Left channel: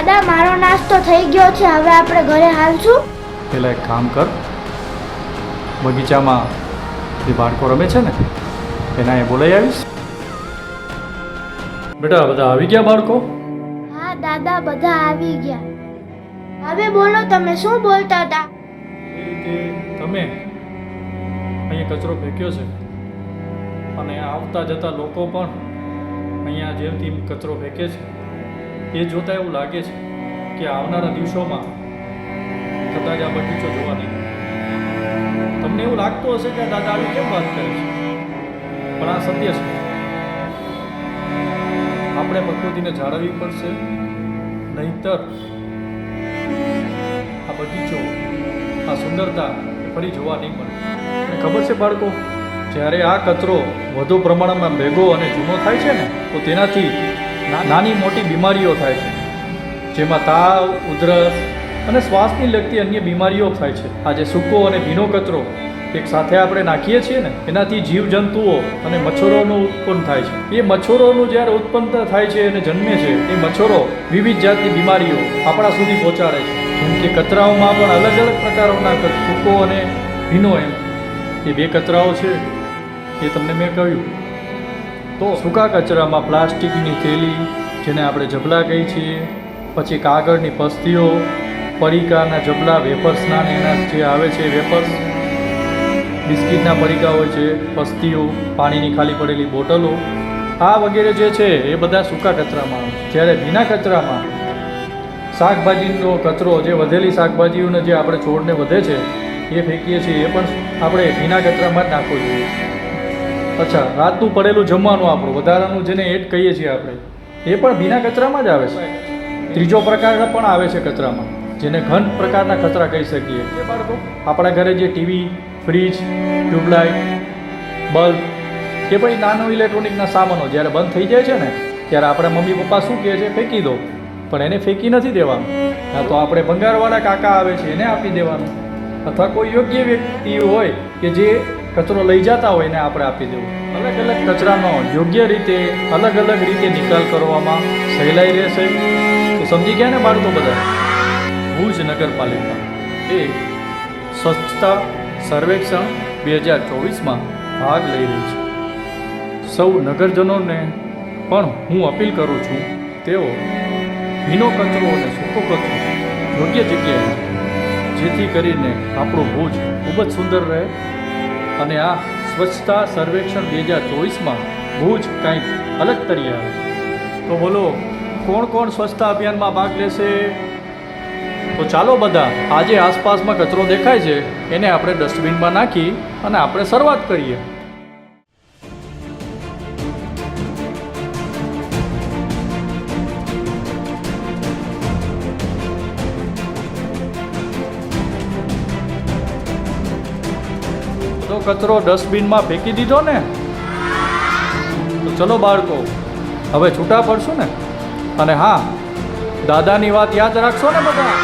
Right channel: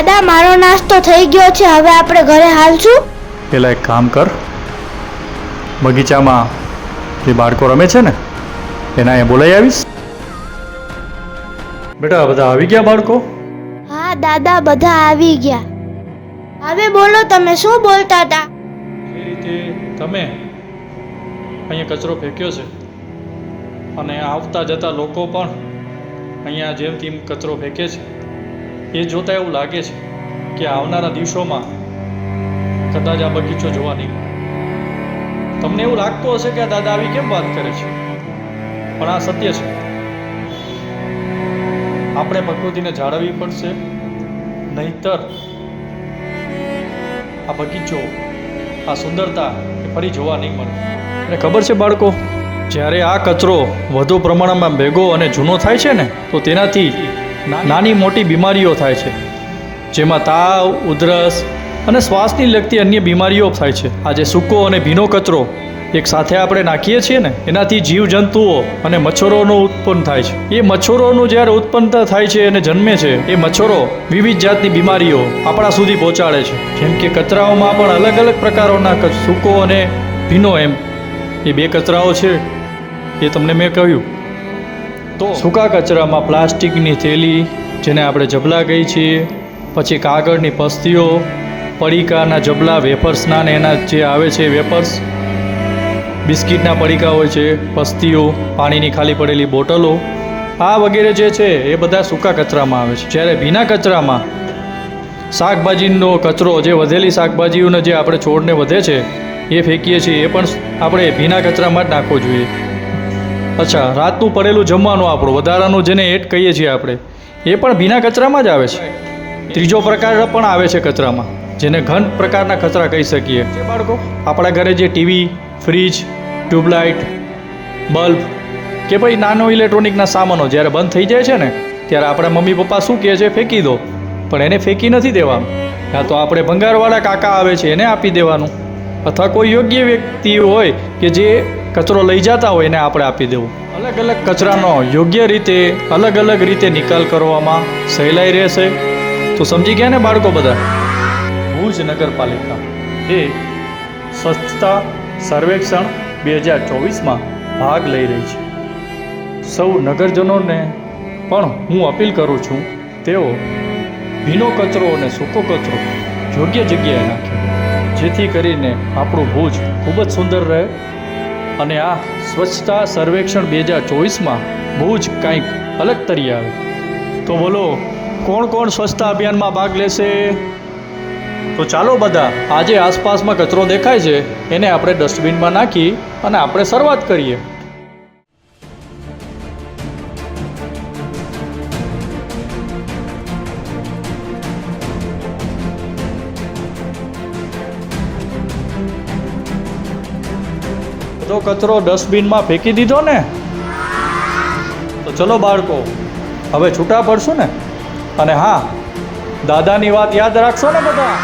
દાદા મારો નાસ્તો થઈ ગયો છે, હવે આપણે ઘરે હાલશું. પેલા એક કામ કર, બગીચામાં જે બાળકો રમે છે ને એના અહીંયા બોલાવી આવીશ. બેટા બધા આવી ગયા બાળકો? હા દાદા, બધા આવી ગયા. હવે બોલો, તમે શું બોલતા હતા? એ રીતે તમે અહીંયા કચરો ફેંક્યો છે અને આવતા જતા લોકો પણ અહીંયા જેમ તેમ કચરો ફેંકે છે, એ જોતાં એવું લાગે છે કે આવનારા દિવસોમાં કદાચ આ બગીચો જોવા નહીં મળે. તમને એવું લાગતું હશે કે આ દાદા આવી કેમ વાત કરે છે, પણ આ સત્ય છે. આપણે પ્રકૃતિને જાળવવી પડશે, નહીંતર આ બગીચો, આ સુંદરતા એ ફરી જોવા નહીં મળે. અને ખબર છે બાળકો, જ્યારે આ કચરો વધુ પ્રમાણમાં ભેગો અને જૂનો થાય છે ને તો તેનાથી નાની મોટી બીમારીઓ થાય છે, જેમાં તાવ, ઉધરસ અને શ્વાસની લગતી અન્ય બીમારીઓ થાય છે. આજે સૂકો અને ભીનો કચરો એક સાથે આપણે નાખીએ છીએ ને એનાથી જીવજંતુઓ અને મચ્છરોનું ઉત્પન્ન થાય છે. એ મચ્છરોનું જ્યારે ઉત્પન્નતા થાય છે અને જન્મે છે, એ મચ્છરો વિવિધ જાતની બીમારીઓ આપણા સુધી પહોંચાડે છે. જેમ કે કચરાઓમાં પણ અલગ અલગ પ્રકારોના સૂકો અને ભીનો એમ એ બે કચરાઓ છે, એ તમને મેં કહ્યું. તો સૂકા કચરામાં પ્લાસ્ટિકની થેલી, જેને આપણે જબલા કહીએ છીએ, પછી કાગળની પસ્તીઓ, પડીકાના જબલા, વેફર્સના ને એના જે આવે છે વેફર્સ, બિસ્કિટના પડીકા હોય છે, પસ્તીઓ, પાણીની ખાલી પડેલી બોટલો, આ વગેરે જે છે એ બધા સૂકા કચરામાં આવે છે. જ્યારે ભીના કચરામાં શાકભાજીનો કચરો, જે વધેલી શાકભાજીઓને જે આપણે છોડને વધે છે એ ફેંકીએ છીએ, એ પણ આપણે ભીના કચરામાં જ નાખવો જોઈએ. અચ્છા, રાતનું પડેલું જમવાનું આપણું વધારાનું જેને એટ કહીએ છીએ આપણે, એ પણ ભીના કચરામાં જ આવે છે. ત્રીજો પ્રકાર પણ આવે છે કચરામાં, જેને ઘન પ્રકારના કચરા કહી શકીએ. બાળકો, આપણા ઘરે જે ટીવી, ફ્રીજ, ટ્યુબલાઇટ, બલ્બ કે ભાઈ નાનો ઇલેક્ટ્રોનિકના સામાનો જ્યારે બંધ થઈ જાય છે ને ત્યારે આપણા મમ્મી પપ્પા શું કહે છે, ફેંકી દો. પણ એને ફેંકી નથી દેવાનું, કાં તો આપણે ભંગારવાળા કાકા આવે છે એને આપી દેવાનું, અથવા કોઈ યોગ્ય વ્યક્તિ હોય કે જે કચરો લઈ જતા હોય એને આપણે આપી દેવું. અલગ અલગ કચરાનો યોગ્ય રીતે અલગ અલગ રીતે નિકાલ કરવામાં સહેલાઈ રહેશે. તો સમજી ગયા ને બાળકો બધા? ભુજ નગરપાલિકા એ સ્વચ્છતા સર્વેક્ષણ 2024માં ભાગ લઈ રહી છે. સૌ નગરજનોને પણ હું અપીલ કરું છું, તેઓ ભીનો કચરો અને સૂકો કચરો યોગ્ય જગ્યાએ નાખે, જેથી કરીને આપણું ભુજ ખૂબ જ સુંદર રહે અને આ સ્વચ્છતા સર્વેક્ષણ 2024માં ભુજ કંઈક અલગ તરી આવે. તો બોલો, કોણ કોણ સ્વચ્છતા અભિયાનમાં ભાગ લેશે? તો ચાલો બધા, આજે આસપાસમાં કચરો દેખાય છે એને આપણે ડસ્ટબિનમાં નાખી અને આપણે શરૂઆત કરીએ. તો કચરો ડસ્ટબિનમાં ફેંકી દીધો ને? તો ચલો બાળકો, હવે છૂટા પડશું ને? અને હા, દાદાની વાત યાદ રાખશો ને બધા?